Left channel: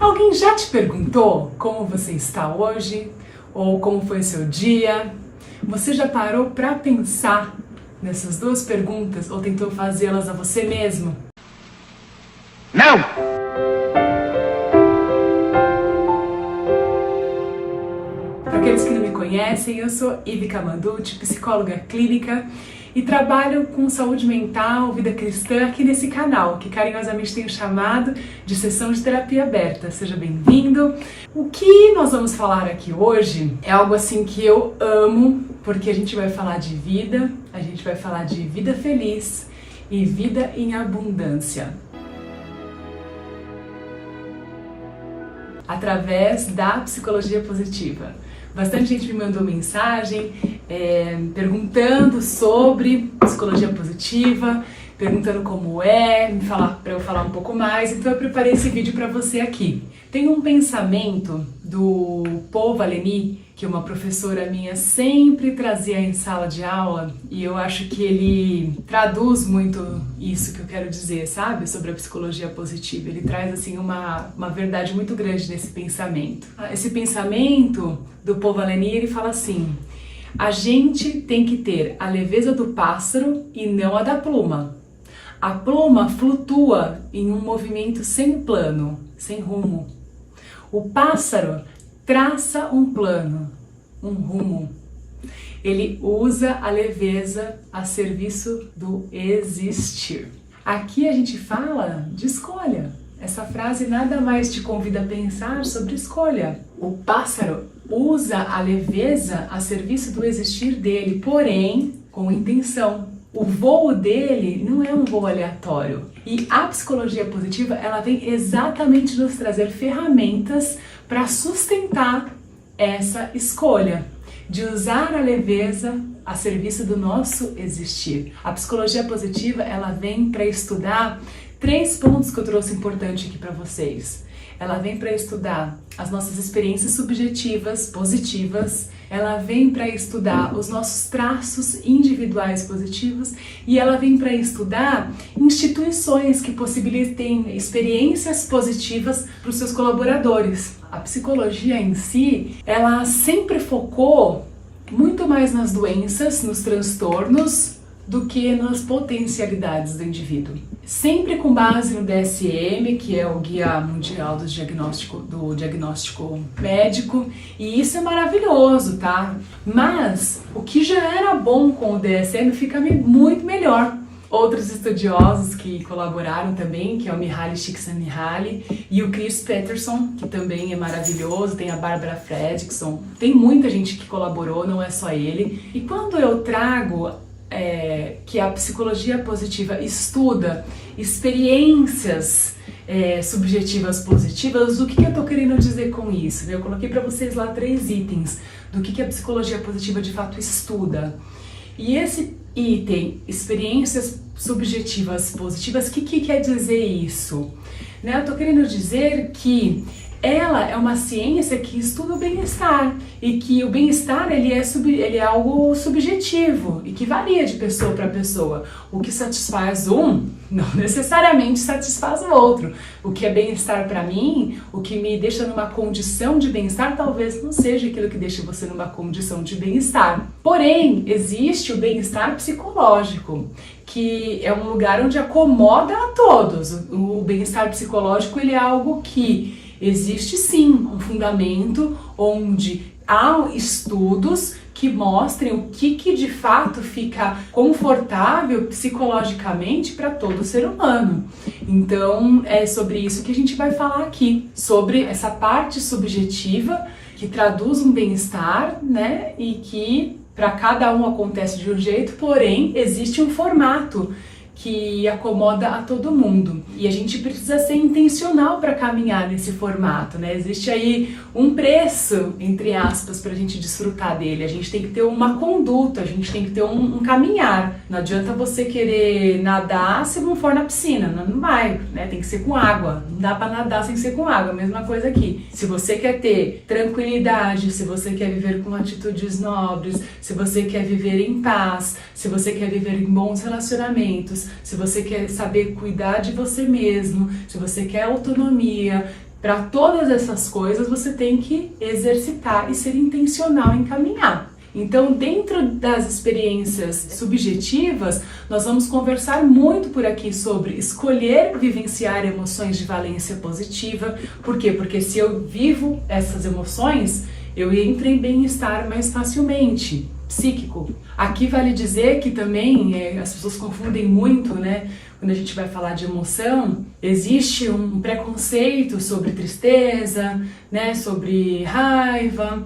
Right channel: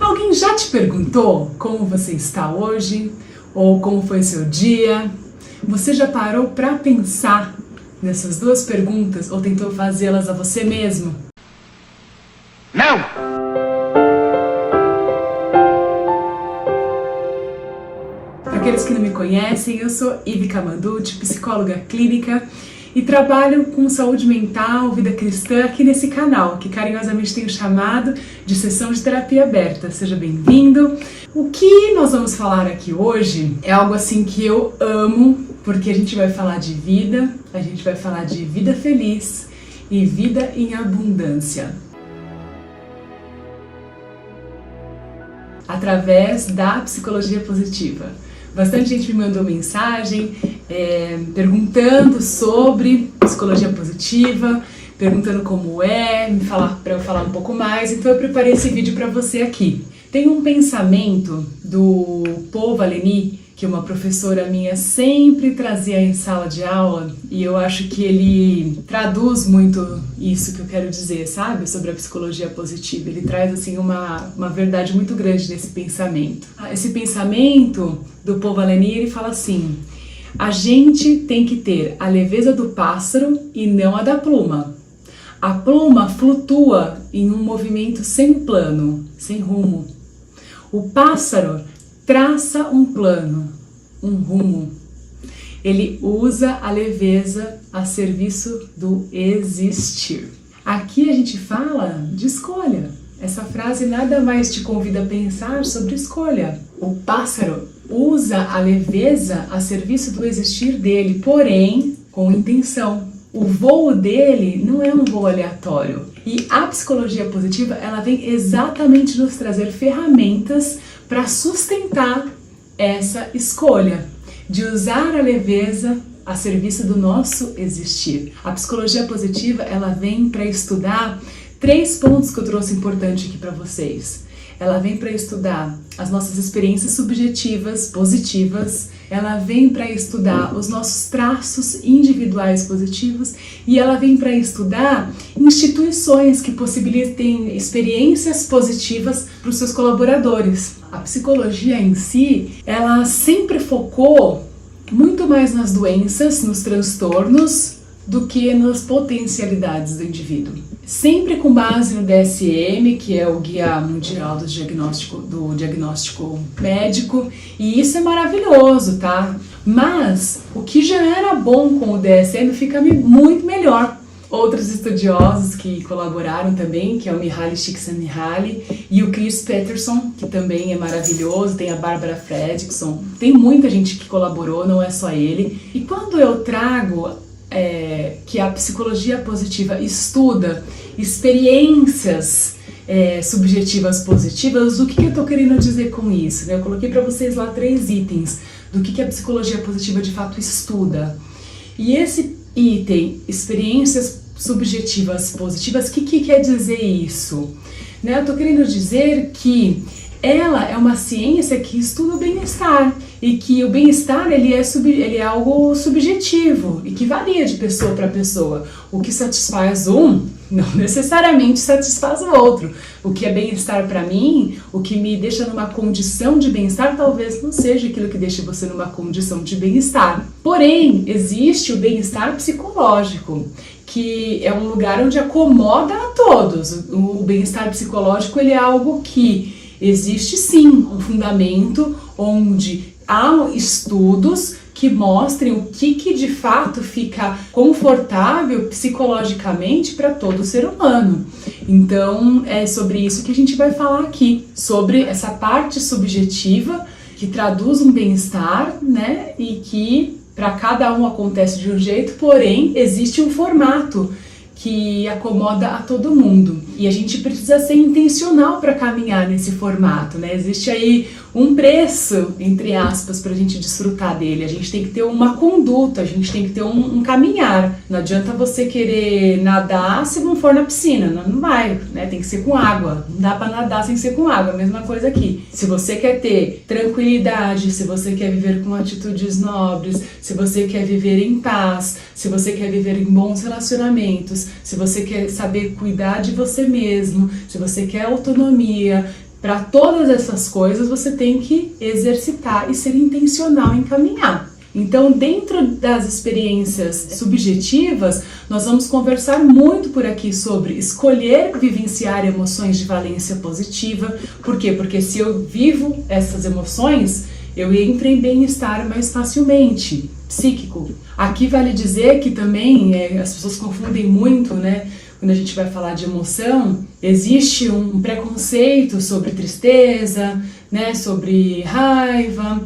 Alguém já te perguntou como você está hoje? Ou como foi seu dia? Você já parou para pensar nessas duas perguntas ou tentou fazê-las a você mesmo? Não! Para aqueles que não me conhecem, eu sou Ivi Camanduti, psicóloga clínica e trabalho com saúde mental, vida cristã aqui nesse canal, que carinhosamente tenho chamado de Sessão de Terapia Aberta. Seja bem-vindo! O que nós vamos falar aqui hoje é algo assim que eu amo, porque a gente vai falar de vida, a gente vai falar de vida feliz e vida em abundância. Através da psicologia positiva. Bastante gente me mandou mensagem perguntando sobre psicologia positiva, perguntando como é, para eu falar um pouco mais, então eu preparei esse vídeo para você aqui. Tem um pensamento do Paul Valeny, que uma professora minha sempre trazia em sala de aula, e eu acho que ele traduz muito isso que eu quero dizer, sabe? Sobre a psicologia positiva. Ele traz, assim, uma verdade muito grande nesse pensamento. Esse pensamento do Paul Valeny, ele fala assim: a gente tem que ter a leveza do pássaro e não a da pluma. A pluma flutua em um movimento sem plano, sem rumo. O pássaro traça um plano, um rumo. Ele usa a leveza a serviço do existir. Aqui a gente fala de escolha. Essa frase nada mais te convida a pensar sobre escolha. O pássaro usa a leveza a serviço do existir dele, porém com intenção. O voo dele não é um voo aleatório. E a psicologia positiva, ela vem exatamente nos trazer ferramentas para sustentar essa escolha, de usar a leveza a serviço do nosso existir. A psicologia positiva, ela vem para estudar 3 pontos que eu trouxe importante aqui para vocês. Ela vem para estudar as nossas experiências subjetivas, positivas, ela vem para estudar os nossos traços individuais positivos e ela vem para estudar instituições que possibilitem experiências positivas para os seus colaboradores. A psicologia em si, ela sempre focou muito mais nas doenças, nos transtornos, do que nas potencialidades do indivíduo. Sempre com base no DSM, que é o Guia Mundial do Diagnóstico Médico, e isso é maravilhoso, tá? Mas o que já era bom com o DSM fica muito melhor. Outros estudiosos que colaboraram também, que é o Mihaly Csikszentmihalyi e o Chris Peterson, que também é maravilhoso, tem a Barbara Fredrickson, tem muita gente que colaborou, não é só ele. E quando eu trago que a psicologia positiva estuda experiências subjetivas positivas, o que eu estou querendo dizer com isso? Eu coloquei para vocês lá 3 itens do que a psicologia positiva de fato estuda. E esse item, experiências subjetivas positivas, o que quer dizer isso? Eu estou querendo dizer que ela é uma ciência que estuda o bem-estar e que o bem-estar ele é algo subjetivo e que varia de pessoa para pessoa. O que satisfaz um não necessariamente satisfaz o outro. O que é bem-estar para mim, o que me deixa numa condição de bem-estar, talvez não seja aquilo que deixa você numa condição de bem-estar. Porém, existe o bem-estar psicológico, que é um lugar onde acomoda a todos. O bem-estar psicológico ele é algo que existe sim um fundamento onde há estudos que mostrem o que de fato fica confortável psicologicamente para todo ser humano. Então é sobre isso que a gente vai falar aqui, sobre essa parte subjetiva que traduz um bem-estar, né? E que para cada um acontece de um jeito, porém existe um formato que acomoda a todo mundo. E a gente precisa ser intencional para caminhar nesse formato, né? Existe aí um preço, entre aspas, para a gente desfrutar dele. A gente tem que ter uma conduta, a gente tem que ter um caminhar. Não adianta você querer nadar se não for na piscina, não vai, né? Tem que ser com água. Não dá para nadar sem ser com água, mesma coisa aqui. Se você quer ter tranquilidade, se você quer viver com atitudes nobres, se você quer viver em paz, se você quer viver em bons relacionamentos, se você quer saber cuidar de você mesmo, se você quer autonomia, Para todas essas coisas você tem que exercitar e ser intencional em caminhar. Então, dentro das experiências subjetivas, nós vamos conversar muito por aqui sobre escolher vivenciar emoções de valência positiva. Por quê? Porque se eu vivo essas emoções, eu entro em bem-estar mais facilmente, psíquico. Aqui vale dizer que também as pessoas confundem muito, né? Quando a gente vai falar de emoção, existe um preconceito sobre tristeza, né? Sobre raiva,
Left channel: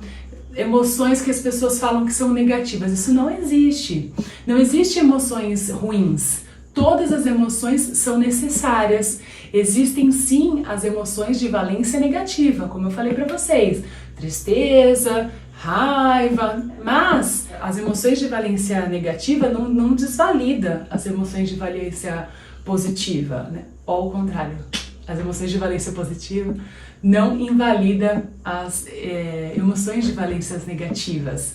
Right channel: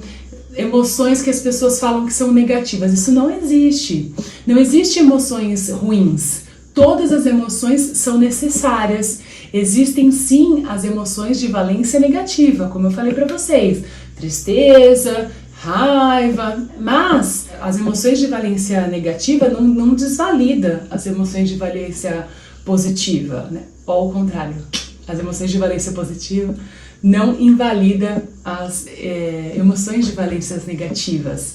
emoções que as pessoas falam que são negativas. Isso não existe. Não existe emoções ruins. Todas as emoções são necessárias. Existem sim as emoções de valência negativa, como eu falei para vocês. Tristeza, raiva, mas as emoções de valência negativa não desvalida as emoções de valência positiva, né? Ou ao contrário, as emoções de valência positiva não invalida as emoções de valências negativas,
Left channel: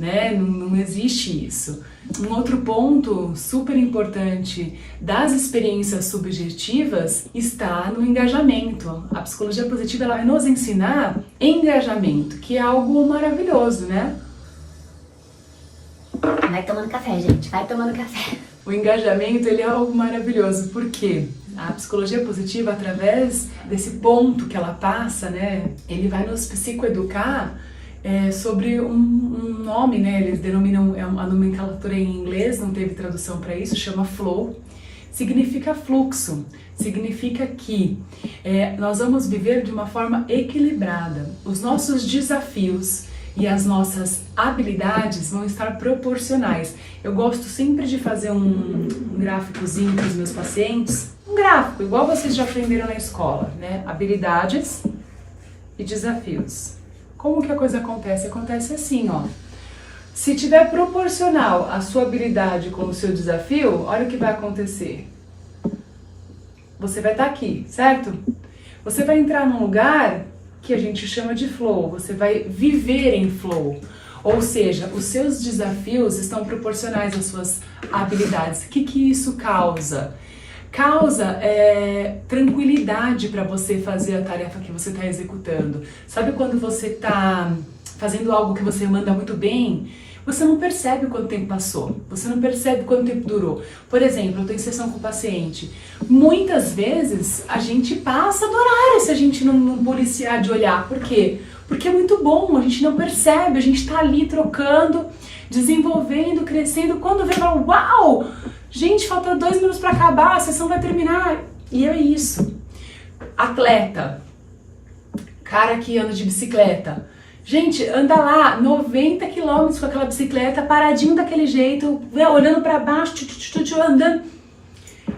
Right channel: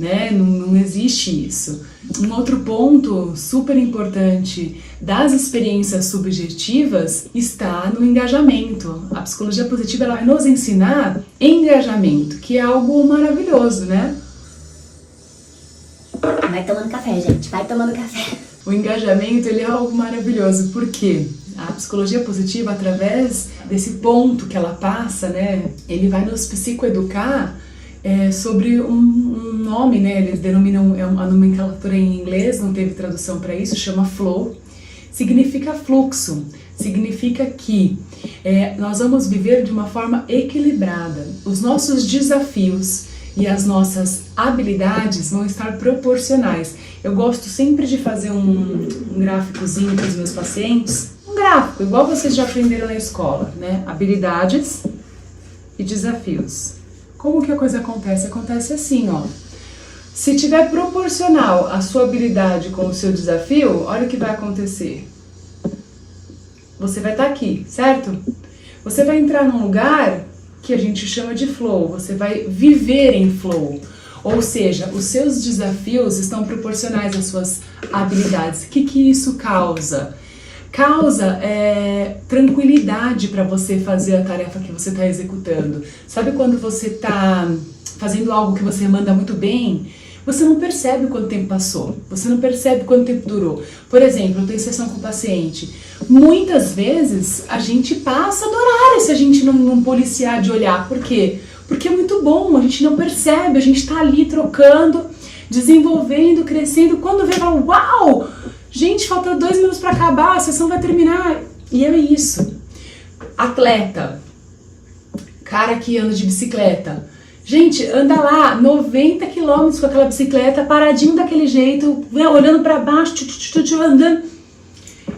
né? Não existe isso. Um outro ponto super importante das experiências subjetivas está no engajamento. A psicologia positiva ela vai nos ensinar engajamento, que é algo maravilhoso, né? Vai tomando café, gente, vai tomando café. O engajamento ele é algo maravilhoso, porque a psicologia positiva, através desse ponto que ela passa, né, ele vai nos psicoeducar sobre um nome, né, eles denominam, a nomenclatura em inglês, não teve tradução para isso, chama flow, significa fluxo, significa que nós vamos viver de uma forma equilibrada, os nossos desafios e as nossas habilidades vão estar proporcionais. Eu gosto sempre de fazer um gráficozinho para os meus pacientes, um gráfico, igual vocês já aprenderam na escola, né? Habilidades e desafios. Como que a coisa acontece? Acontece assim, ó. Se tiver proporcional a sua habilidade com o seu desafio, olha o que vai acontecer. Você vai estar aqui, certo? Você vai entrar num lugar que a gente chama de flow, você vai viver em flow. Ou seja, os seus desafios estão proporcionais às suas habilidades. O que isso causa? Causa tranquilidade para você fazer a tarefa que você está executando. Sabe quando você está fazendo algo que você manda muito bem? Você não percebe quanto tempo passou, você não percebe quanto tempo durou. Por exemplo, eu tenho sessão com o paciente. Muitas vezes a gente passa do horário se a gente não policiar de olhar. Por quê? Porque é muito bom, a gente não percebe, a gente tá ali trocando, desenvolvendo, crescendo. Quando vê, fala, uau! Gente, falta 2 minutos para acabar, a sessão vai terminar. E é isso. Atleta, cara que anda de bicicleta. Gente, anda lá 90 km com aquela bicicleta, paradinho daquele jeito, olhando para baixo, andando.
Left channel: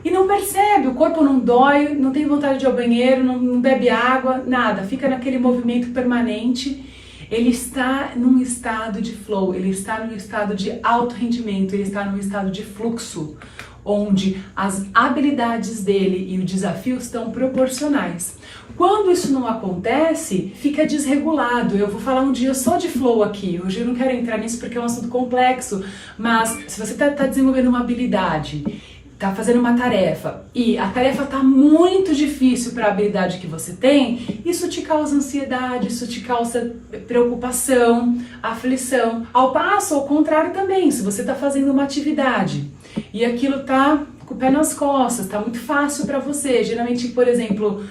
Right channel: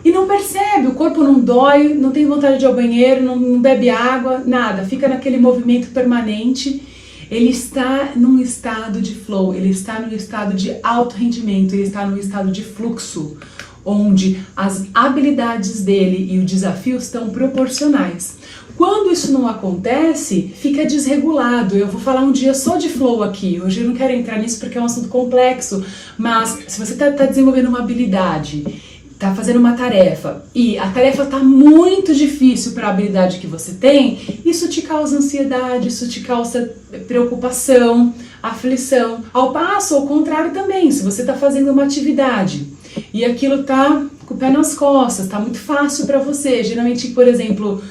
E não percebe, o corpo não dói, não tem vontade de ir ao banheiro, não bebe água, nada. Fica naquele movimento permanente. Ele está num estado de flow, ele está num estado de alto rendimento, ele está num estado de fluxo, onde as habilidades dele e o desafio estão proporcionais. Quando isso não acontece, fica desregulado. Eu vou falar um dia só de flow aqui. Hoje eu não quero entrar nisso porque é um assunto complexo, mas se você está desenvolvendo uma habilidade, está fazendo uma tarefa e a tarefa está muito difícil para a habilidade que você tem, isso te causa ansiedade, isso te causa preocupação, aflição. Ao passo, ao contrário também, se você está fazendo uma atividade e aquilo está com o pé nas costas, está muito fácil para você, geralmente, por exemplo,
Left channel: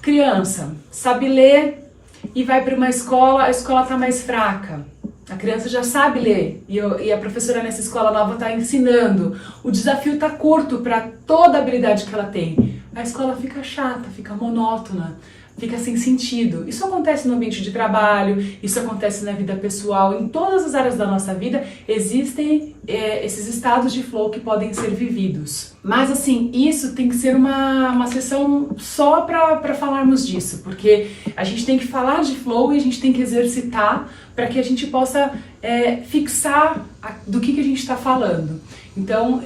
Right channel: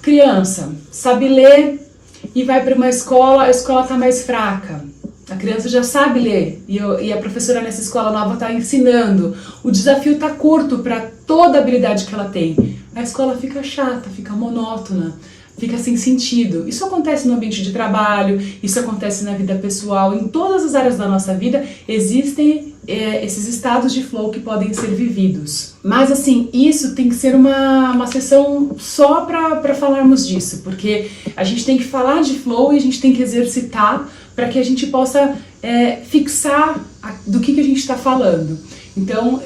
criança sabe ler e vai para uma escola, a escola está mais fraca. A criança já sabe ler e a professora nessa escola nova está ensinando. O desafio está curto para toda a habilidade que ela tem. A escola fica chata, fica monótona, fica sem sentido. Isso acontece no ambiente de trabalho, isso acontece na vida pessoal. Em todas as áreas da nossa vida existem esses estados de flow que podem ser vividos. Mas assim, isso tem que ser uma sessão só para falarmos disso, porque a gente tem que falar de flow e a gente tem que exercitar para que a gente possa fixar do que a gente está falando. Então,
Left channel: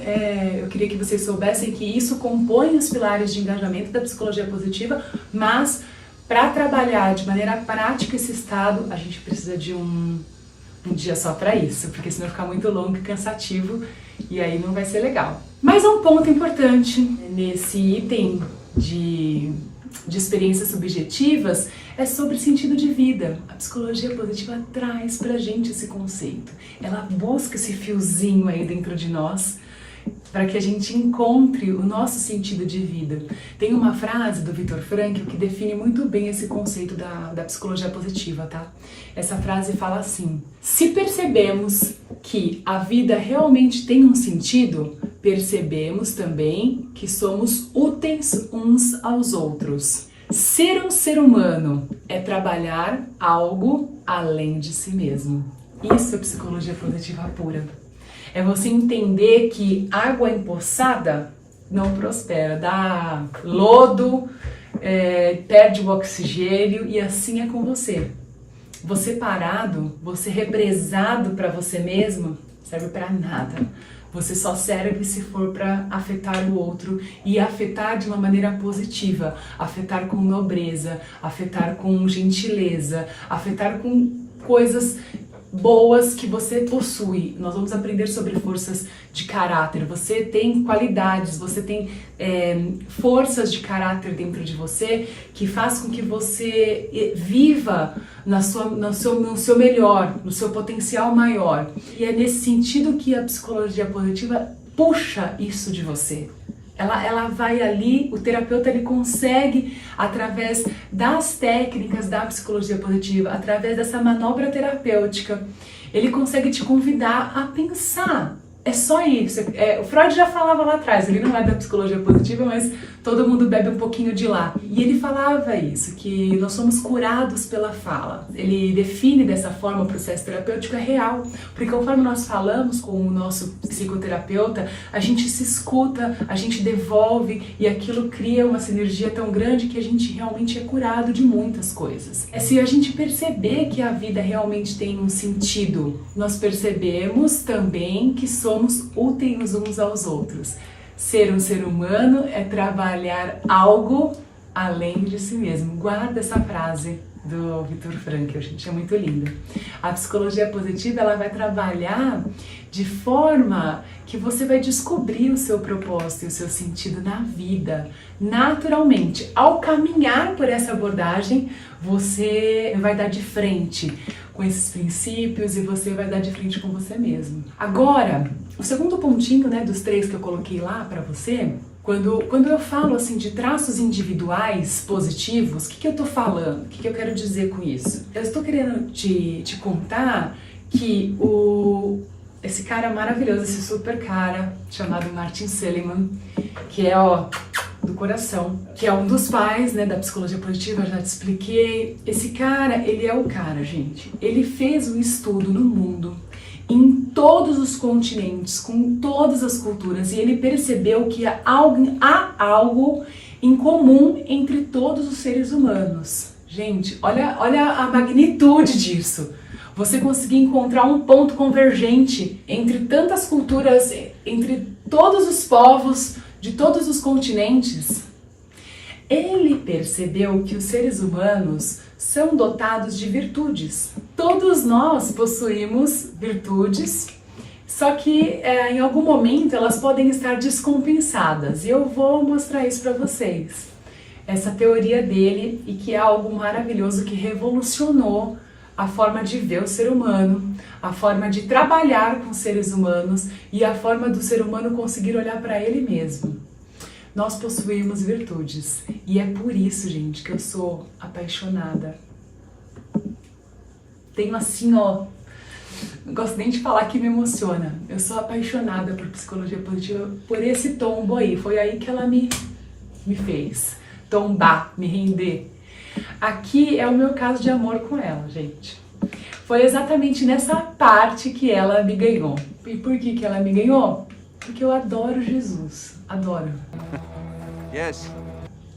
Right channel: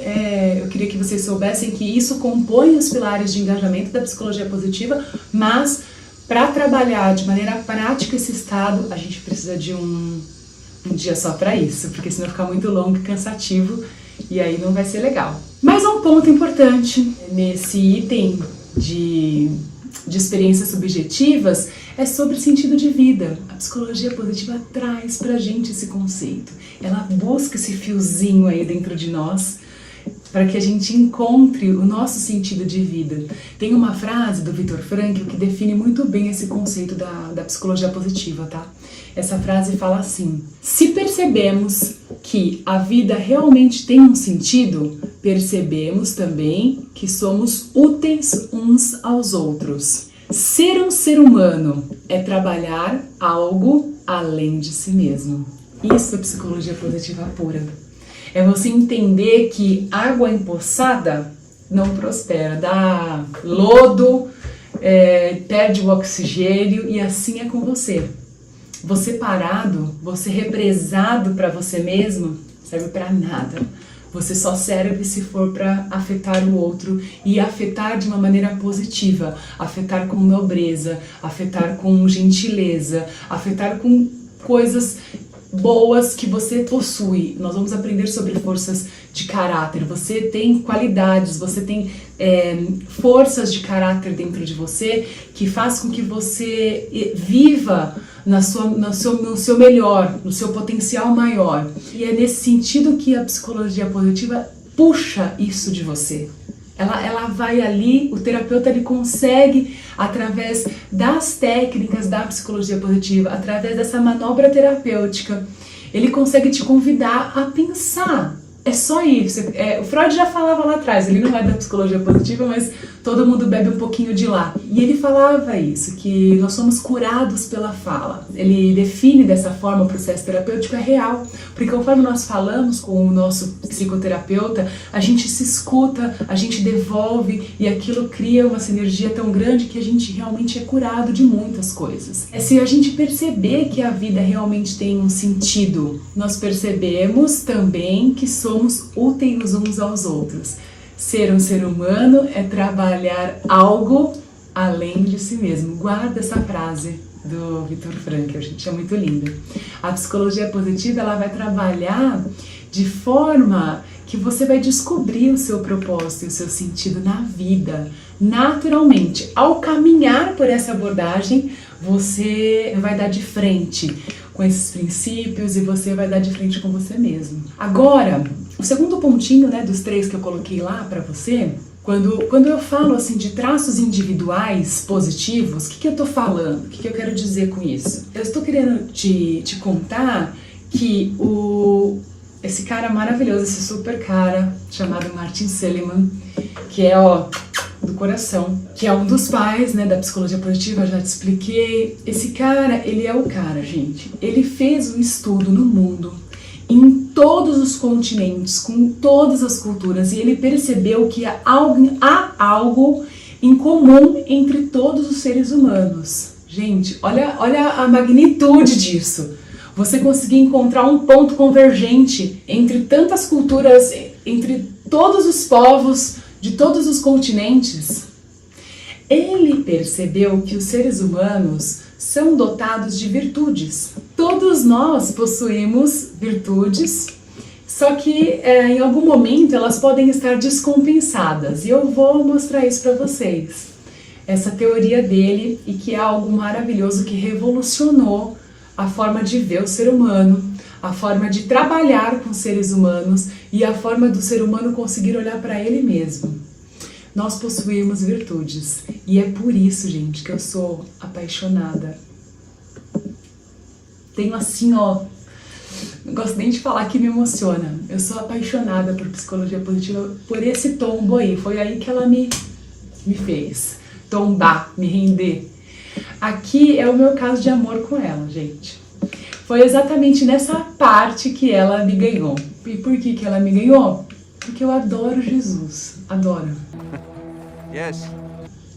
eu queria que vocês soubessem que isso compõe os pilares de engajamento da psicologia positiva, mas para trabalhar de maneira prática esse estado, a gente precisa de um dia só para isso, porque senão fica muito longo e cansativo e aí não vai ser legal. Mas um ponto importante nesse item de de experiências subjetivas, é sobre sentido de vida. A psicologia positiva traz pra gente esse conceito. Ela busca esse fiozinho aí dentro de nós para que a gente encontre o nosso sentido de vida. Tem uma frase do Viktor Frankl que define muito bem esse conceito da psicologia positiva, tá? Essa frase fala assim: se percebemos que a vida realmente tem um sentido, percebemos também que somos úteis uns aos outros. Ser um ser humano é trabalhar algo além de si mesmo. Isso é psicologia positiva pura. É você entender que água empoçada não prospera, dá lodo, perde o oxigênio e assim é com você. Você parado, você represado para você mesmo, serve para nada. Você só serve se for para afetar o outro e afetar de uma maneira positiva, afetar com nobreza, afetar com gentileza, afetar com coisas boas que você possui. Nós vamos aprender sobre forças de caráter. Você tem qualidades, você tem forças de caráter dentro de você que faz com que você viva no seu melhor, no seu potencial maior. E é nesse sentido que a psicologia positiva puxa isso de você. Ela vai ali, o terapeuta ele consegue, através das técnicas da psicologia positiva, através dessa manobra terapêutica, ele consegue te convidar a pensar. É só isso. O Freud já falava lá atrás, ele não é da psicologia positiva, mas todo mundo bebe um pouquinho de lá. E ele falava isso, que nós somos curados pela fala. Ele define dessa forma o processo terapêutico é real, porque conforme nós falamos com o nosso psicoterapeuta, a gente se escuta, a gente devolve e aquilo cria uma sinergia tão grande que a gente realmente é curado de muitas coisas. É se a gente perceber que a vida realmente tem um sentido, nós percebemos também que somos úteis uns aos outros. Ser um ser humano é trabalhar algo além de si mesmo. Guarda essa frase do Viktor Frankl, gente, é muito linda. A psicologia positiva, ela vai trabalhar de forma que você vai descobrir o seu propósito e o seu sentido na vida, naturalmente. Ao caminhar por essa abordagem, você vai dar de frente com esses princípios e você vai dar de frente com você mesmo. Agora, o segundo pontinho, né, dos 3 que eu coloquei lá para você, quando eu falo assim de traços individuais positivos, o que eu tô falando? O que eu quero dizer com isso? Eu estou querendo te contar que esse cara maravilhoso, esse super cara chamado Martin Seligman, que é do coração, que é um dos pais, né, da psicologia positiva, já te expliquei. Esse cara, ele é o cara, gente. Ele fez um estudo no mundo, em todos os continentes, com todas as culturas, e ele percebeu que há algo em comum entre todos os seres humanos. Gente, olha a magnitude disso. Você conseguir encontrar um ponto convergente entre tantas culturas, entre todos os povos, de todos os continentes. Ele percebeu que os seres humanos são dotados de virtudes. Todos nós possuímos virtudes, só que em algum momento elas podem estar descompensadas. E eu vou mostrar isso para vocês. Essa teoria dele, e que é algo maravilhoso que revolucionou a forma de ver o ser humano, a forma de trabalhar com seres humanos e a forma do ser humano conseguir olhar para ele mesmo. Nós possuímos virtudes e é por isso, gente, que eu sou apaixonada. Tenho assim, não gosto nem de falar que me emociona. Eu sou apaixonada por psicologia positiva, por esse tombo aí. Foi aí que ela me fez tombar, me render. Aqui é o meu caso de amor com ela, gente. Foi exatamente nessa parte que ela me ganhou. E por que ela me ganhou? Porque eu adoro Jesus. Adoro. Yes.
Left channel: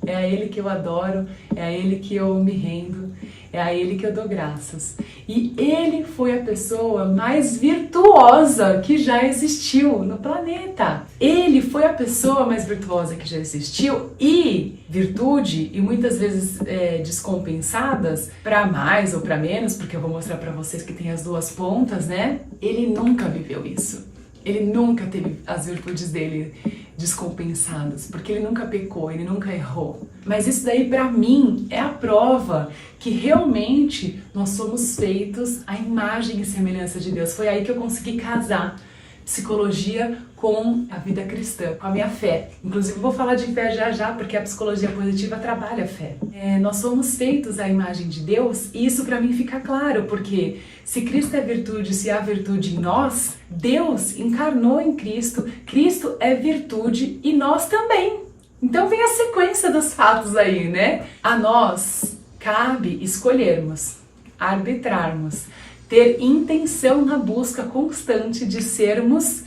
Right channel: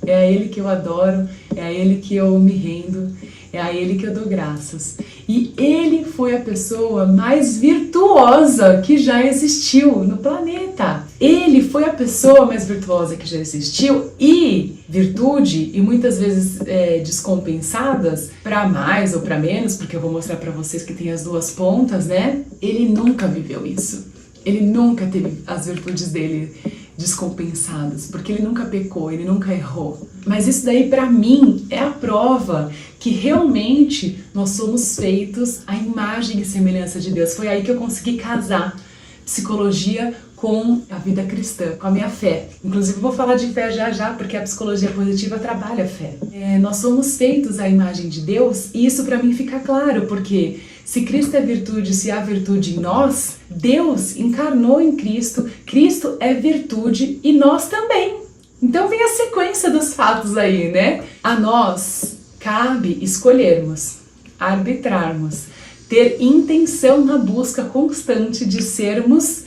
É a Ele que eu adoro, é a Ele que eu me rendo, é a Ele que eu dou graças. E Ele foi a pessoa mais virtuosa que já existiu no planeta. Ele foi a pessoa mais virtuosa que já existiu e virtude, e muitas vezes descompensadas, para mais ou para menos, porque eu vou mostrar para vocês que tem as duas pontas, né? Ele nunca viveu isso. Ele nunca teve as virtudes dele descompensados, porque ele nunca pecou, ele nunca errou. Mas isso daí para mim é a prova que realmente nós somos feitos à imagem e semelhança de Deus. Foi aí que eu consegui casar psicologia com a vida cristã, com a minha fé. Inclusive eu vou falar de fé já, porque a psicologia positiva trabalha a fé. Nós somos feitos à imagem de Deus e isso para mim fica claro, porque se Cristo é virtude, se há virtude em nós, Deus encarnou em Cristo, Cristo é virtude e nós também. Então vem a sequência dos fatos aí, né? A nós cabe escolhermos, arbitrarmos, ter intenção na busca constante de sermos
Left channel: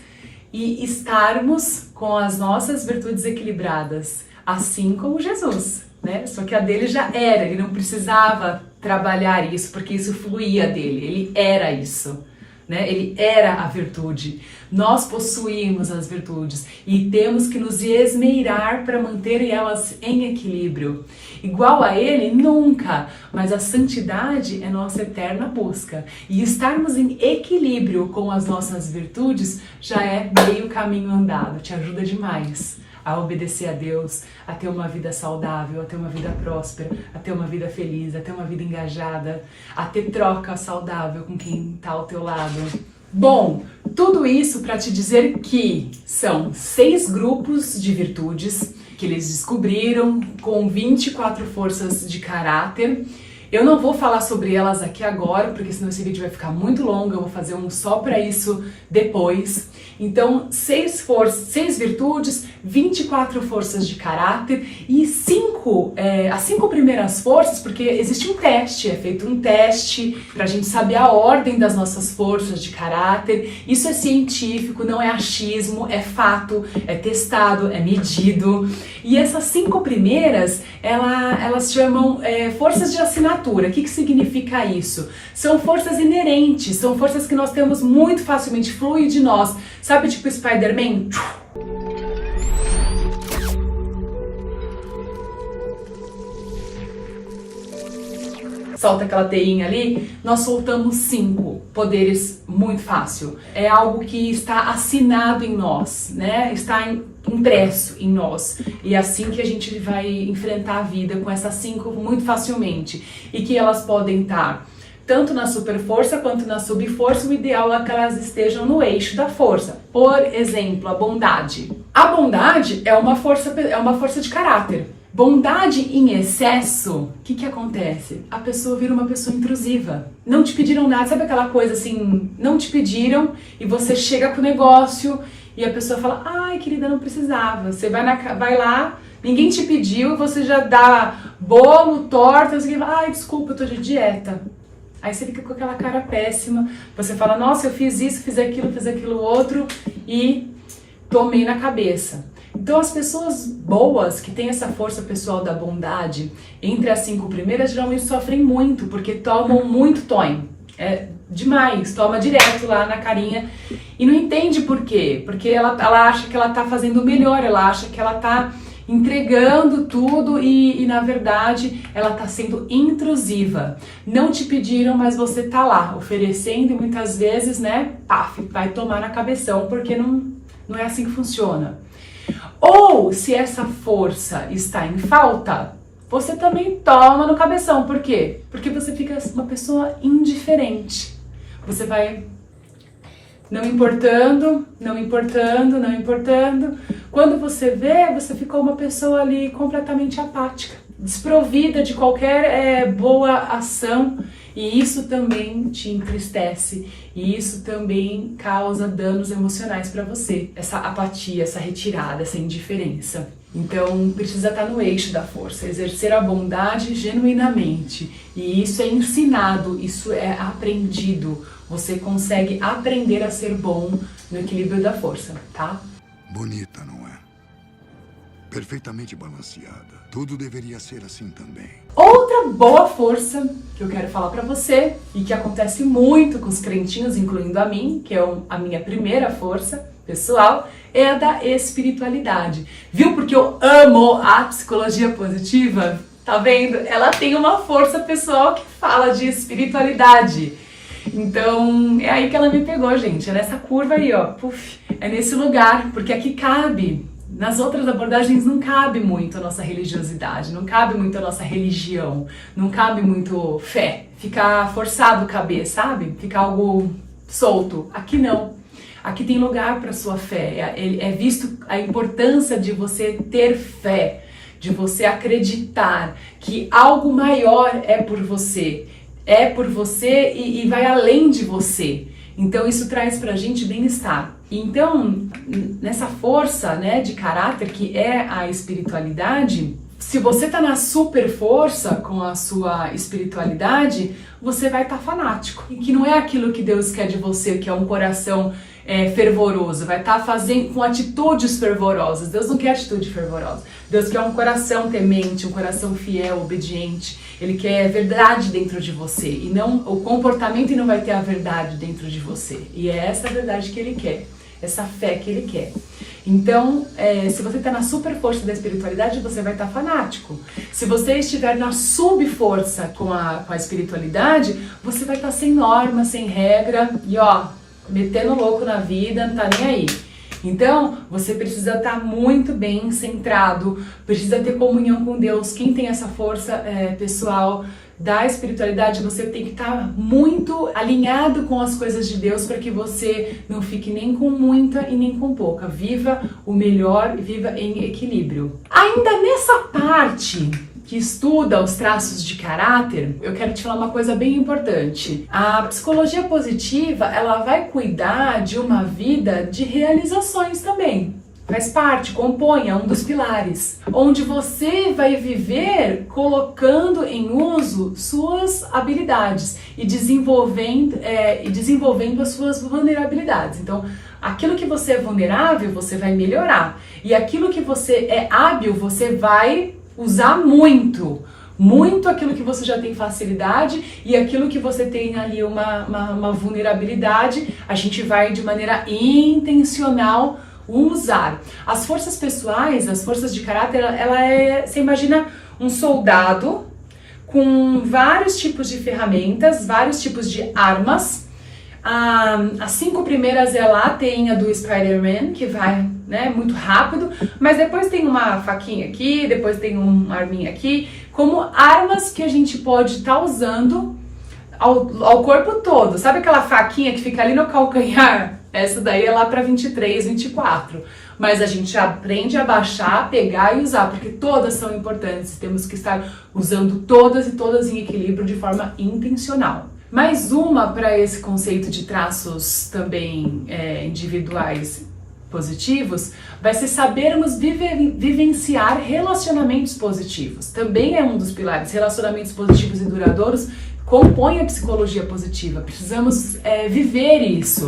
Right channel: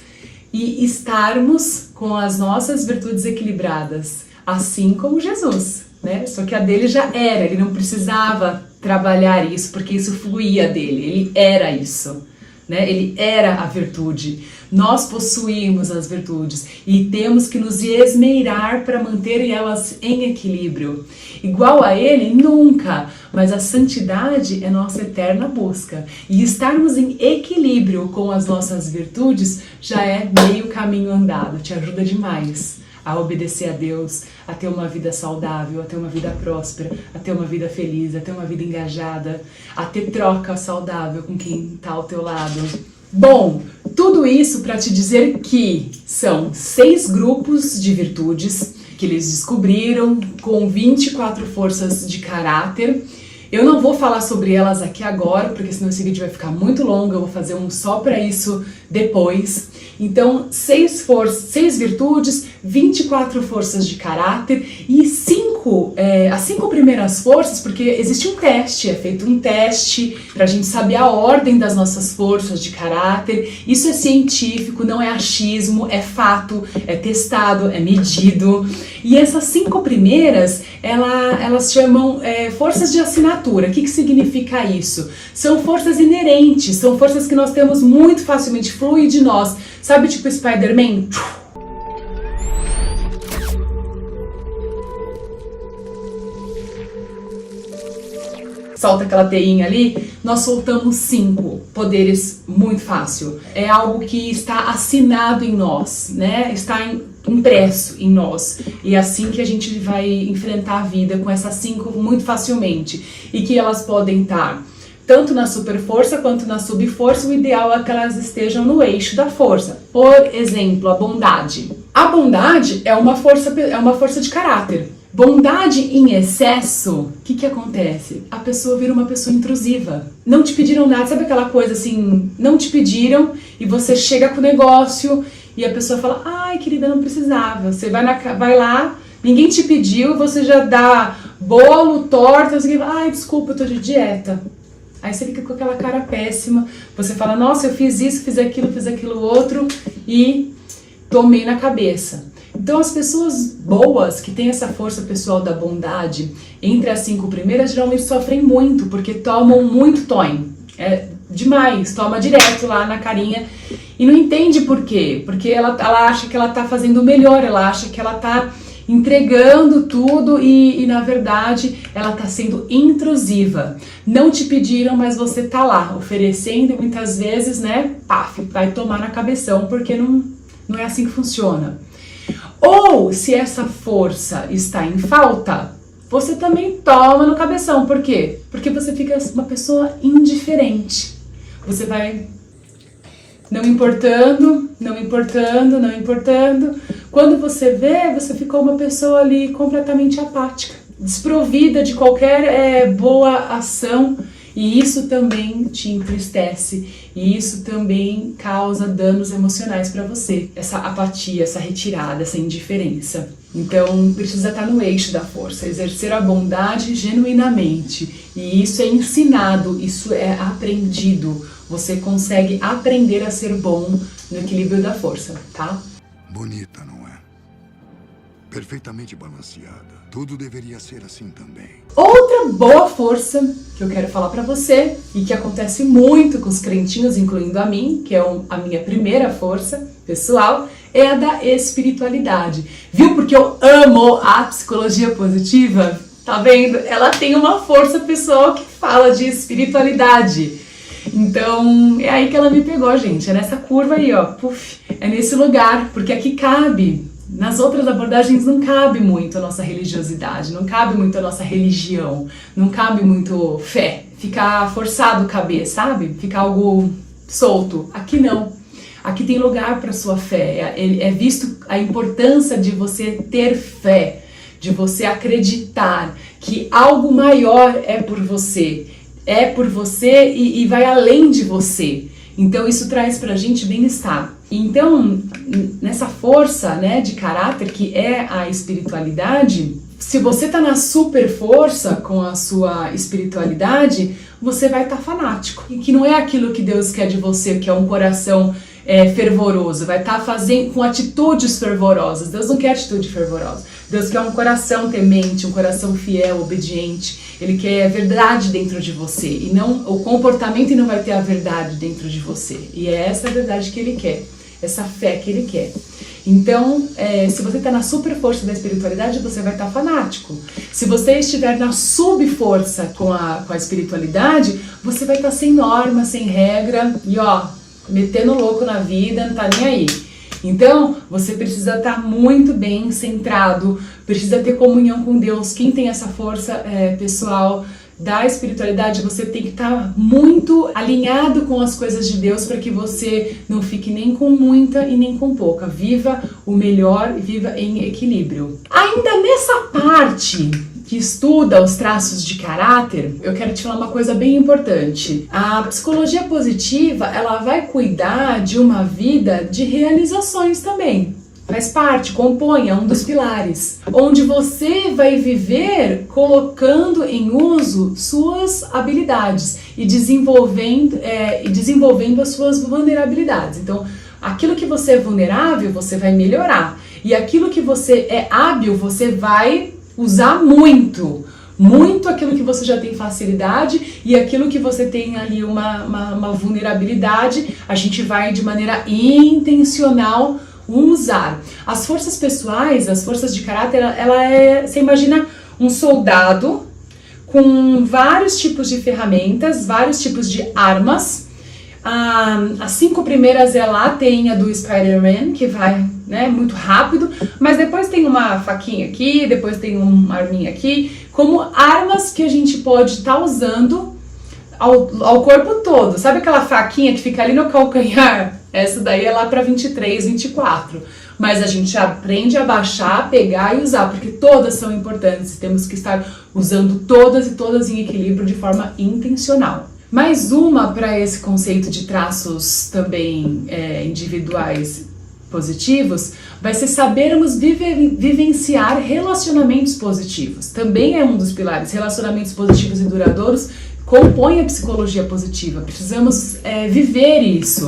e estarmos com as nossas virtudes equilibradas, assim como Jesus, né? Só que a dele já era, ele não precisava trabalhar isso, porque isso fluía dele, ele era isso, né? Ele era a virtude. Nós possuímos as virtudes e temos que nos esmerar para manter elas em equilíbrio. Igual a ele, nunca, mas a santidade é nossa eterna busca. E estarmos em equilíbrio com as nossas virtudes já é meio caminho andado, te ajuda demais a obedecer a Deus, a ter uma vida saudável, a ter uma vida próspera, a ter uma vida feliz, a ter uma vida engajada, a ter troca saudável com quem está ao teu lado. Bom, tudo isso para te dizer que são 6 grupos de virtudes que eles descobriram com 24 forças de caráter. Eu não vou falar sobre elas aqui agora, porque senão esse vídeo vai ficar muito longo, eu vou fazer um só para isso depois. Então, 6 virtudes, 24 forças de caráter e as 5 primeiras forças, porque existe um teste, é feito um teste para a gente saber a ordem das nossas forças de caráter. Isso é científico, não é achismo, é fato, é testado, é medido. E essas 5 primeiras, elas chamam forças de assinatura. O que significa isso? São forças inerentes, são forças que nós temos muito facilmente, flui de nós. Sabe, tipo Spider-Man? Solta aquela teinha ali, nós soltamos 5 poderes muito fácil. É algo que está assinado em nós, né? Está impresso em nós. E é assim que a gente vai enfrentar a vida com essas 5 muito facilmente. E que elas podem estar tanto na superforça quanto na subforça. O ideal é que elas estejam no eixo da força. Por exemplo, a bondade. A bondade é uma força de caráter. Bondade em excesso, o que acontece? A pessoa vira uma pessoa intrusiva. Não te pediram nada, sabe aquela coisa assim, não te pediram e você chega com o negócio e a pessoa fala, ai querida, não precisava. Você vai lá, ninguém te pediu, você já dá bolo, torta, você fala, ai desculpa, eu tô de dieta. Aí você fica com aquela cara péssima, você fala, nossa, eu fiz isso, fiz aquilo outro e tomei na cabeça. Então as pessoas boas, que têm essa força pessoal da bondade, entre as 5 primeiras, geralmente sofrem muito, porque tomam muito toim. É demais, toma direto lá na carinha e não entende por quê. Porque ela acha que ela tá fazendo o melhor, ela acha que ela tá entregando tudo e na verdade ela tá sendo intrusiva. Não te pediram, mas você tá lá oferecendo e muitas vezes, né, paf, vai tomar na cabeção, porque não é assim que funciona. Ou, se essa força está em falta, você também toma no cabeção. Por quê? Porque você fica uma pessoa indiferente. Você vai não importando. Quando você vê, você ficou uma pessoa ali completamente apática, desprovida de qualquer boa ação. E isso também te entristece, e isso também causa danos emocionais para você. Essa apatia, essa retirada, essa indiferença. Então precisa estar no eixo da força, exercer a bondade genuinamente. E isso é ensinado, isso é aprendido. Você consegue aprender a ser bom no equilíbrio da força, tá? Bonita, não é? Perfeitamente balanceada. Tudo deveria ser assim também. Outra boa força que eu quero falar pra você, e que acontece muito com os crentinhos, incluindo a mim, que é a minha primeira força pessoal, é a da espiritualidade. Viu? Porque eu amo a psicologia positiva. Tá vendo? Ela tem uma força pessoal que fala de espiritualidade. Então, é aí que ela me pegou, gente. É nessa curva aí, ó. Puf, é nesse lugar, porque aqui cabe nas outras abordagens não cabe muito a nossa religiosidade, não cabe muito a nossa religião, não cabe muito fé, ficar forçado caber, sabe? Ficar algo solto. Aqui não. Aqui tem lugar para sua fé. É visto a importância de você ter fé, de você acreditar que algo maior é por você e vai além de você. Então isso traz pra gente bem-estar. Então, nessa força, né, de caráter que é a espiritualidade, se você tá na super força com a sua espiritualidade, você vai estar fanático. E que não é aquilo que Deus quer de você, que é um coração fervoroso, vai estar fazendo com atitudes fervorosas. Deus não quer atitude fervorosa. Deus quer um coração temente, um coração fiel, obediente. Ele quer verdade dentro de você e não o comportamento, e não vai ter a verdade dentro de você. E é essa verdade que Ele quer, essa fé que Ele quer. Então, se você está na super força da espiritualidade, você vai estar fanático. Se você estiver na subforça com a espiritualidade, você vai estar sem norma, sem regra e metendo louco na vida, não tá nem aí. Então, você precisa estar muito bem centrado, precisa ter comunhão com Deus. Quem tem essa força pessoal da espiritualidade, você tem que estar muito alinhado com as coisas de Deus para que você não fique nem com muita e nem com pouca. Viva o melhor e viva em equilíbrio. Ainda nessa parte que estuda os traços de caráter, eu quero te falar uma coisa bem importante. A psicologia positiva, ela vai cuidar de uma vida de realizações também. Faz parte, compõe, é um dos pilares. Onde você vai viver colocando em uso suas habilidades e desenvolvendo as suas vulnerabilidades. Então, aquilo que você é vulnerável, você vai melhorar. E aquilo que você é hábil, você vai usar muito aquilo que você já tem facilidade, e aquilo que você tem ali uma vulnerabilidade, a gente vai de maneira intencional usar. As forças pessoais, as forças de caráter, você imagina um soldado com vários tipos de ferramentas, vários tipos de armas. As 5 primeiras tem a do Spider-Man, que vai, né, muito rápido, mas depois tem uma faquinha aqui, depois tem uma arminha aqui, como armas que a gente pode estar usando ao corpo todo. Sabe aquela faquinha que fica ali no calcanhar? Essa daí é lá para 23, 24. Mas a gente aprende a baixar, pegar e usar, porque todas são importantes. Temos que estar usando todas e todas em equilíbrio de forma intencional. Mais uma para esse conceito de traços também individuais positivos, vai ser sabermos vivenciar relacionamentos positivos. Também é um dos pilares. Relacionamentos positivos e duradouros compõem a psicologia positiva. Precisamos viver isso.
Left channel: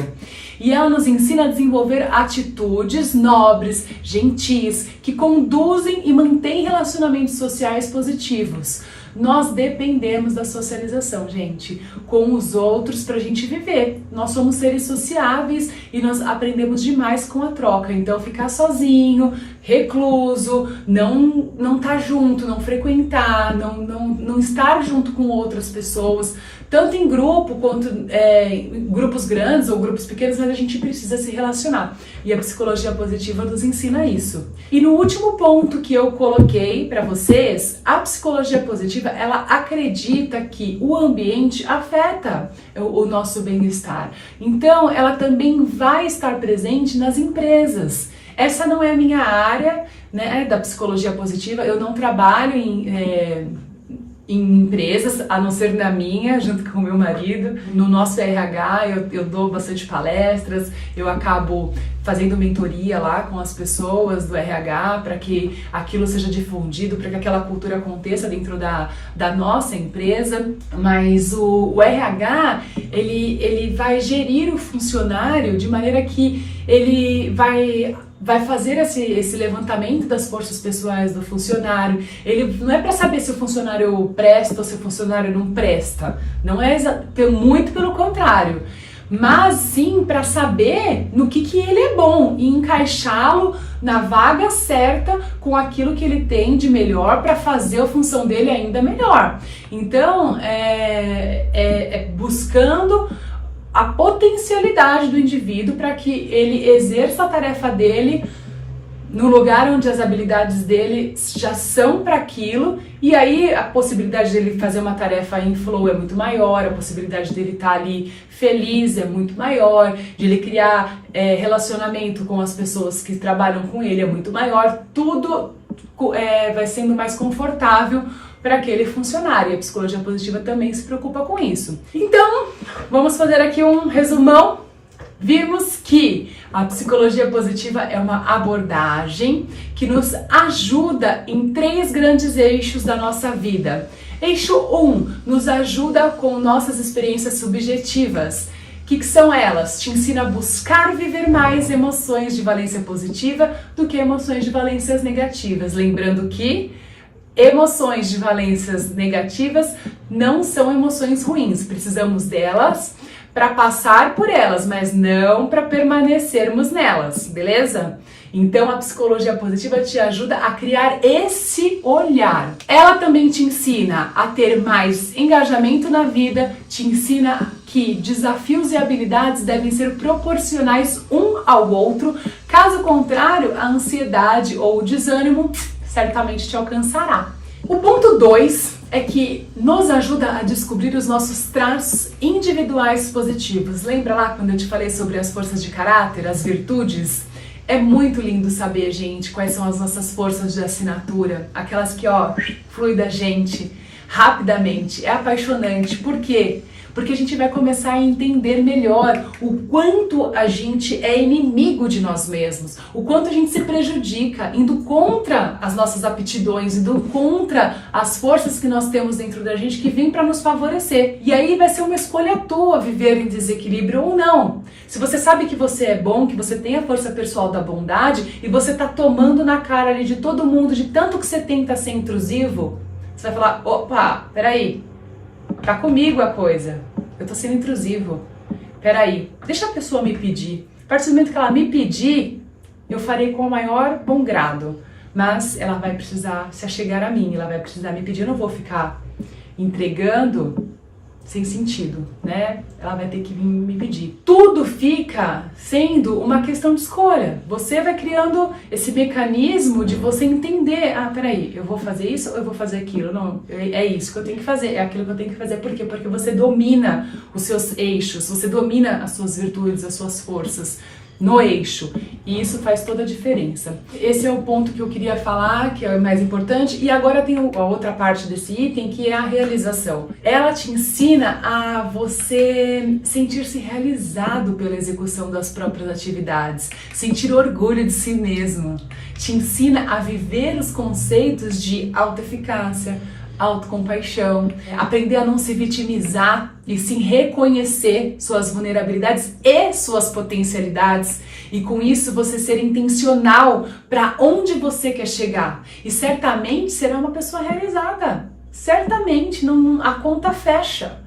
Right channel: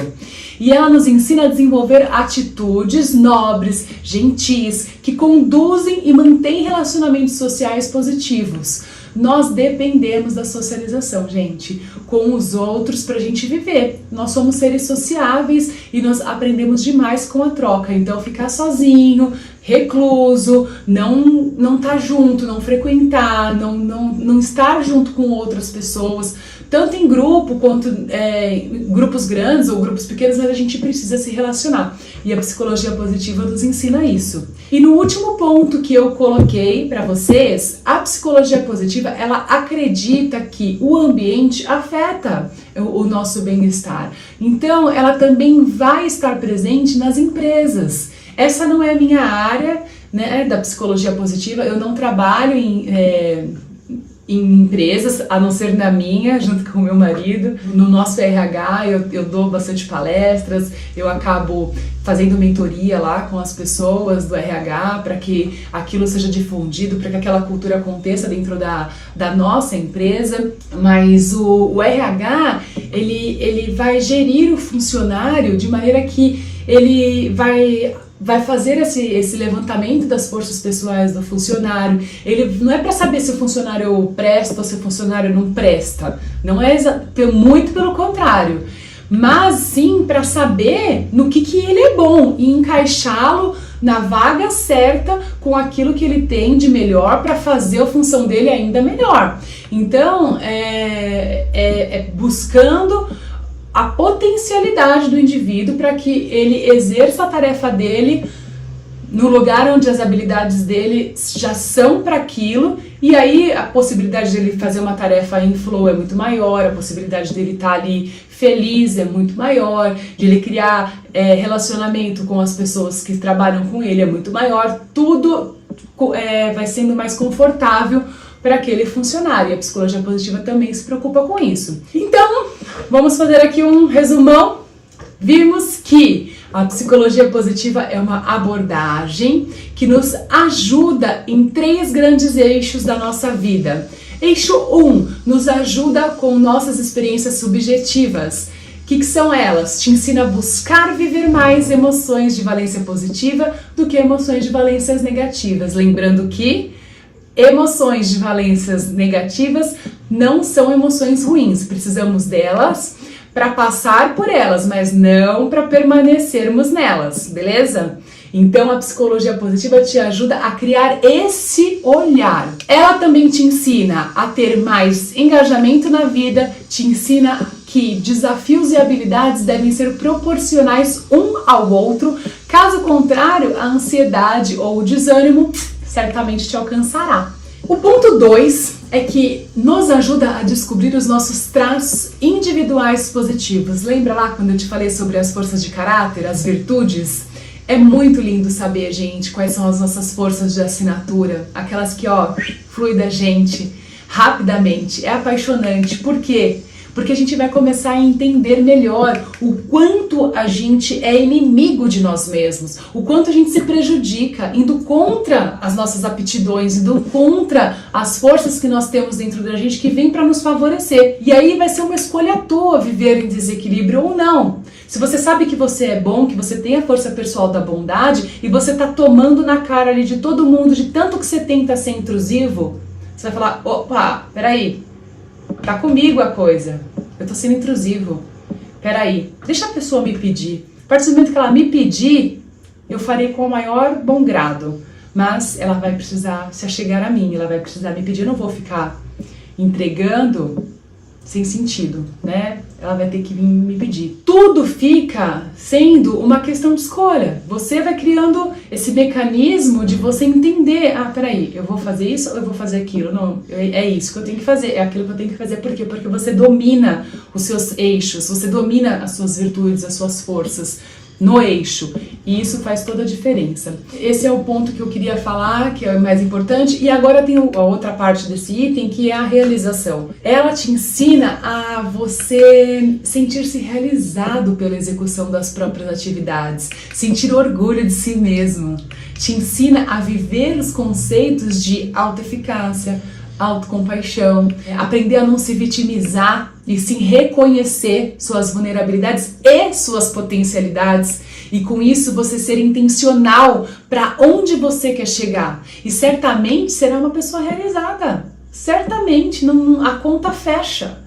E ela nos ensina a desenvolver atitudes nobres, gentis, que conduzem e mantêm relacionamentos sociais positivos. Nós dependemos da socialização, gente, com os outros pra gente viver. Nós somos seres sociáveis e nós aprendemos demais com a troca. Então, ficar sozinho, recluso, não tá junto, não frequentar, não estar junto com outras pessoas, tanto em grupo quanto em grupos grandes ou grupos pequenos, mas a gente precisa se relacionar. E a psicologia positiva nos ensina isso. E no último ponto que eu coloquei para vocês, a psicologia positiva, ela acredita que o ambiente afeta o nosso bem-estar. Então, ela também vai estar presente nas empresas. Essa não é a minha área, né, da psicologia positiva. Eu não trabalho em empresas, a não ser na minha, junto com o meu marido. No nosso RH, eu dou bastante palestras, eu acabo fazendo mentoria lá com as pessoas do RH para que aquilo seja difundido, para que aquela cultura aconteça dentro da nossa empresa. Mas o RH, ele vai gerir o funcionário de maneira que ele vai fazer esse levantamento das forças pessoais do funcionário. Ele não é para saber se o funcionário presta ou se o funcionário não presta. Não é muito pelo contrário. Mas sim para saber no que ele é bom e encaixá-lo na vaga certa com aquilo que ele tem de melhor para fazer a função dele ainda melhor. Então, buscando a potencialidade do indivíduo para que ele exerça a tarefa dele no lugar onde as habilidades dele já são para aquilo, e aí a possibilidade dele fazer uma tarefa em flow é muito maior, a possibilidade dele estar ali feliz é muito maior, de ele criar relacionamento com as pessoas que trabalham com ele é muito maior, tudo vai sendo mais confortável para aquele funcionário. E a psicologia positiva também se preocupa com isso. Então, vamos fazer aqui um resumão. Vimos que a psicologia positiva é uma abordagem que nos ajuda em 3 grandes eixos da nossa vida. Eixo 1, nos ajuda com nossas experiências subjetivas. O que são elas? Te ensina a buscar viver mais emoções de valência positiva do que emoções de valências negativas. Lembrando que emoções de valências negativas não são emoções ruins, precisamos delas para passar por elas, mas não para permanecermos nelas, beleza? Então a psicologia positiva te ajuda a criar esse olhar. Ela também te ensina a ter mais engajamento na vida, te ensina que desafios e habilidades devem ser proporcionais um ao outro, caso contrário, a ansiedade ou o desânimo certamente te alcançará. O ponto 2 é que nos ajuda a descobrir os nossos traços individuais positivos. Lembra lá quando eu te falei sobre as forças de caráter, as virtudes? É muito lindo saber, gente, quais são as nossas forças de assinatura, aquelas que, flui da gente rapidamente. É apaixonante. Por quê? Porque a gente vai começar a entender melhor o quanto a gente é inimigo de nós mesmos, o quanto a gente se prejudica, indo contra as nossas aptidões, indo contra as forças que nós temos dentro da gente que vêm para nos favorecer. E aí vai ser uma escolha tua viver em desequilíbrio ou não. Se você sabe que você é bom, que você tem a força pessoal da bondade e você tá tomando na cara ali de todo mundo, de tanto que você tenta ser intrusivo, você vai falar, opa, peraí, tá comigo a coisa, eu tô sendo intrusivo, peraí, deixa a pessoa me pedir. A partir do momento que ela me pedir, eu farei com o maior bom grado, mas ela vai precisar se achegar a mim, ela vai precisar me pedir, eu não vou ficar entregando sem sentido, né? Ela vai ter que vir me pedir. Tudo fica sendo uma questão de escolha. Você vai criando esse mecanismo de você entender, peraí, eu vou fazer isso ou eu vou fazer aquilo? Não, é isso que eu tenho que fazer, é aquilo que eu tenho que fazer. Por quê? Porque você domina os seus eixos, você domina as suas virtudes, as suas forças no eixo, e isso faz toda a diferença. Esse é o ponto que eu queria falar, que é o mais importante, e agora tem a outra parte desse item, que é a realização. Ela te ensina a você sentir-se realizado pela execução das próprias atividades, sentir orgulho de si mesmo, te ensina a viver os conceitos de autoeficácia, autocompaixão, aprender a não se vitimizar e sim reconhecer suas vulnerabilidades e suas potencialidades, e com isso você ser intencional para onde você quer chegar, e certamente será uma pessoa realizada, certamente, a conta fecha,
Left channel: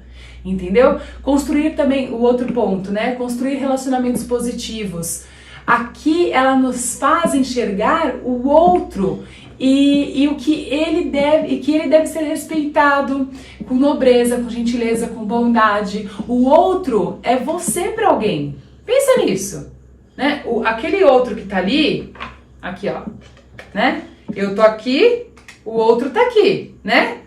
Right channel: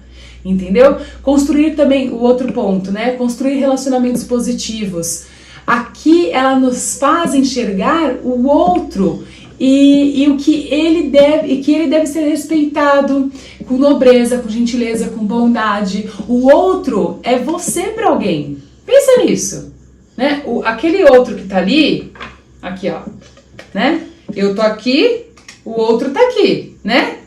entendeu? Construir também, o outro ponto, né? Construir relacionamentos positivos. Aqui ela nos faz enxergar o outro e o que ele deve ser respeitado com nobreza, com gentileza, com bondade. O outro é você para alguém. Pensa nisso, né? Aquele outro que tá ali, aqui ó, né? Eu tô aqui, o outro tá aqui, né?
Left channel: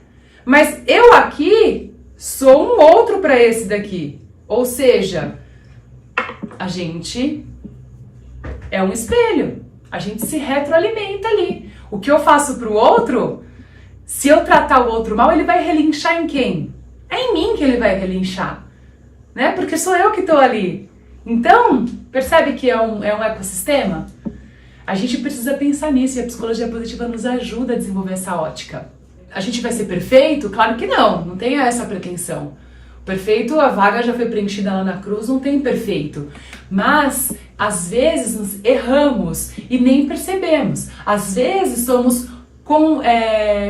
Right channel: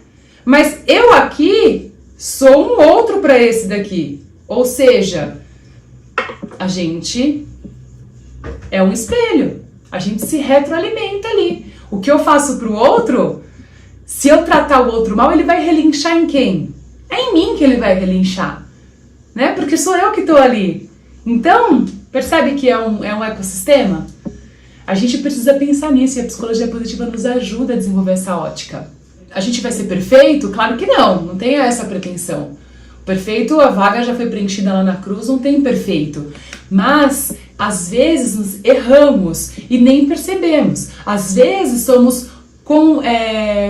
Mas eu aqui sou um outro para esse daqui. Ou seja, a gente é um espelho. A gente se retroalimenta ali. O que eu faço pro outro, se eu tratar o outro mal, ele vai relinchar em quem? É em mim que ele vai relinchar, né? Porque sou eu que tô ali. Então, percebe que é um ecossistema? A gente precisa pensar nisso, e a psicologia positiva nos ajuda a desenvolver essa ótica. A gente vai ser perfeito? Claro que não tenha essa pretensão. O perfeito, a vaga já foi preenchida lá na cruz, não tem perfeito. Mas, às vezes, nos erramos e nem percebemos. Às vezes, somos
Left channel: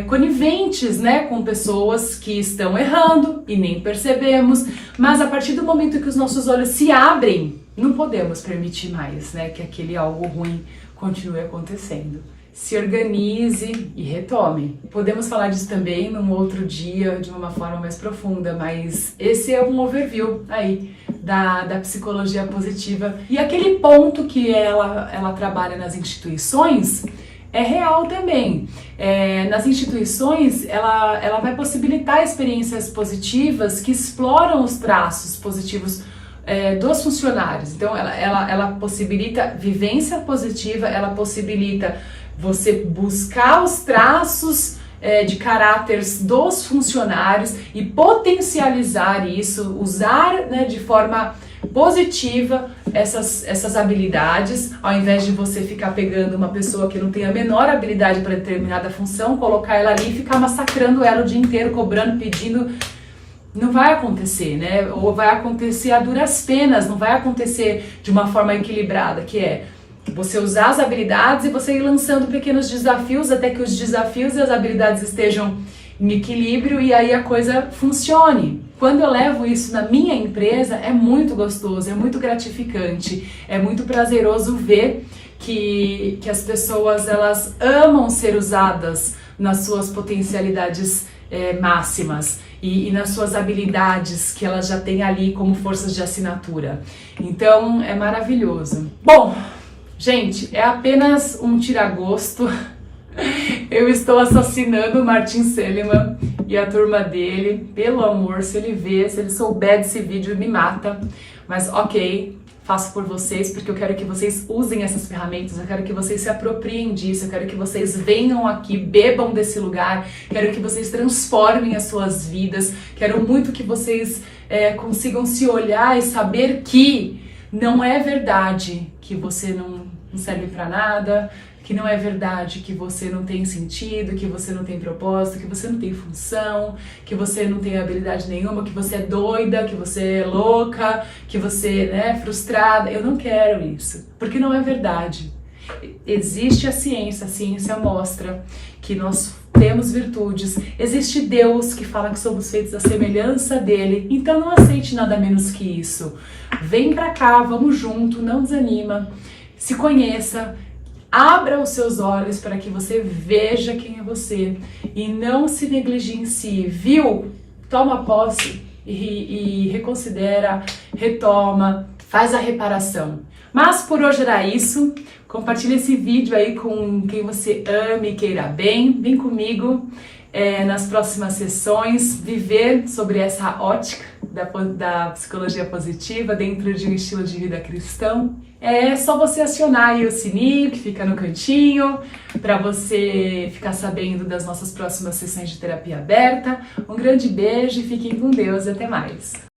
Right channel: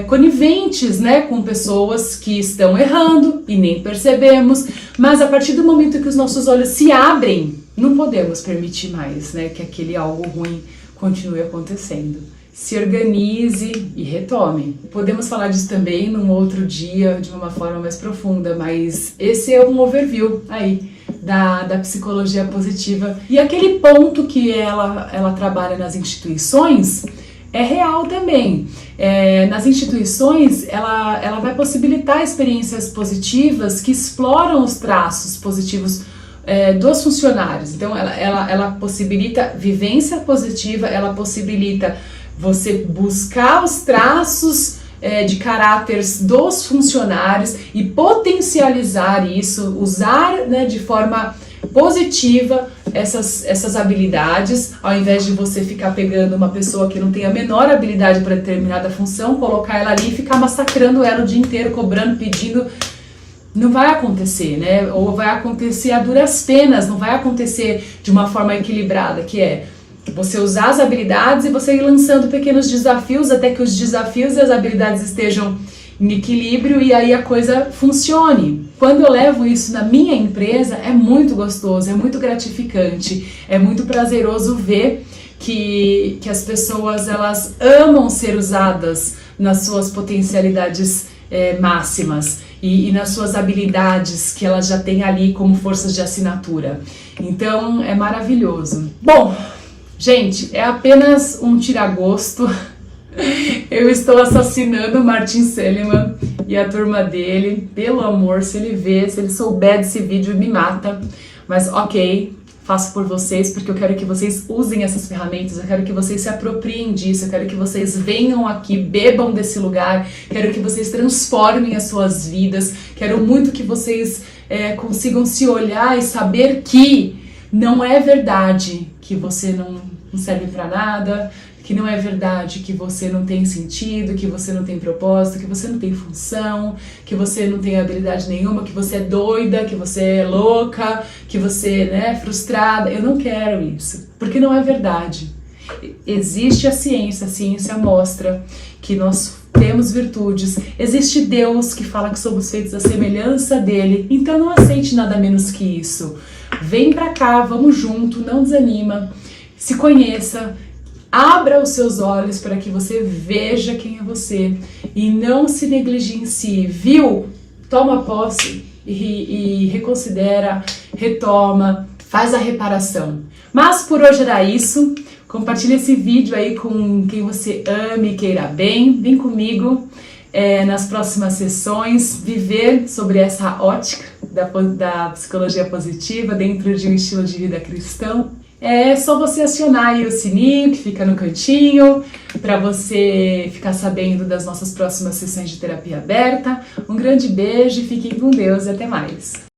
coniventes, né, com pessoas que estão errando e nem percebemos. Mas, a partir do momento que os nossos olhos se abrem, não podemos permitir mais, né, que aquele algo ruim continue acontecendo. Se organize e retome. Podemos falar disso também num outro dia, de uma forma mais profunda, mas esse é um overview aí da psicologia positiva. E aquele ponto que ela trabalha nas instituições é real também. Nas instituições, ela vai possibilitar experiências positivas que exploram os traços positivos dos funcionários. Então, ela possibilita vivência positiva, ela possibilita você buscar os traços de caráteres dos funcionários e potencializar isso, usar, né, de forma positiva essas habilidades, ao invés de você ficar pegando uma pessoa que não tem a menor habilidade para determinada função, colocar ela ali e ficar massacrando ela o dia inteiro, cobrando, pedindo. Não vai acontecer, né? Ou vai acontecer a duras penas, não vai acontecer de uma forma equilibrada, que é você usar as habilidades e você ir lançando pequenos desafios até que os desafios e as habilidades estejam em equilíbrio e aí a coisa funcione. Quando eu levo isso na minha empresa, é muito gostoso, é muito gratificante, é muito prazeroso ver que as pessoas, elas amam ser usadas nas suas potencialidades máximas e nas suas habilidades que elas já têm ali como forças de assinatura. Então, é maravilhoso. Bom, gente, é apenas um tiragosto. Eu estou assassinando o Martin Seligman e a turma dele. Pelo amor, se ele souber desse vídeo, me mata. Mas ok, faço por vocês, porque eu quero que vocês usem essas ferramentas, eu quero que vocês se apropriem disso, eu quero que vocês venham aqui, bebam desse lugar, quero que vocês transformem as suas vidas, quero muito que vocês consigam se olhar e saber que não é verdade que você não serve para nada, que não é verdade que você não tem sentido, que você não tem propósito, que você não tem função, que você não tem habilidade nenhuma, que você é doida, que você é louca, que você é frustrada. Eu não quero isso, porque não é verdade. Existe a ciência mostra que nós temos virtudes, existe Deus que fala que somos feitos à semelhança dele, então não aceite nada menos que isso. Vem pra cá, vamos junto, não desanima, se conheça, abra os seus olhos para que você veja quem é você e não se negligencie, viu? Toma posse e reconsidera, retoma, faz a reparação. Mas por hoje era isso. Compartilhe esse vídeo aí com quem você ama e queira bem. Vem comigo nas próximas sessões viver sobre essa ótica da psicologia positiva dentro de um estilo de vida cristão. É só você acionar aí o sininho que fica no cantinho para você ficar sabendo das nossas próximas sessões de terapia aberta. Um grande beijo e fiquem com Deus. Até mais!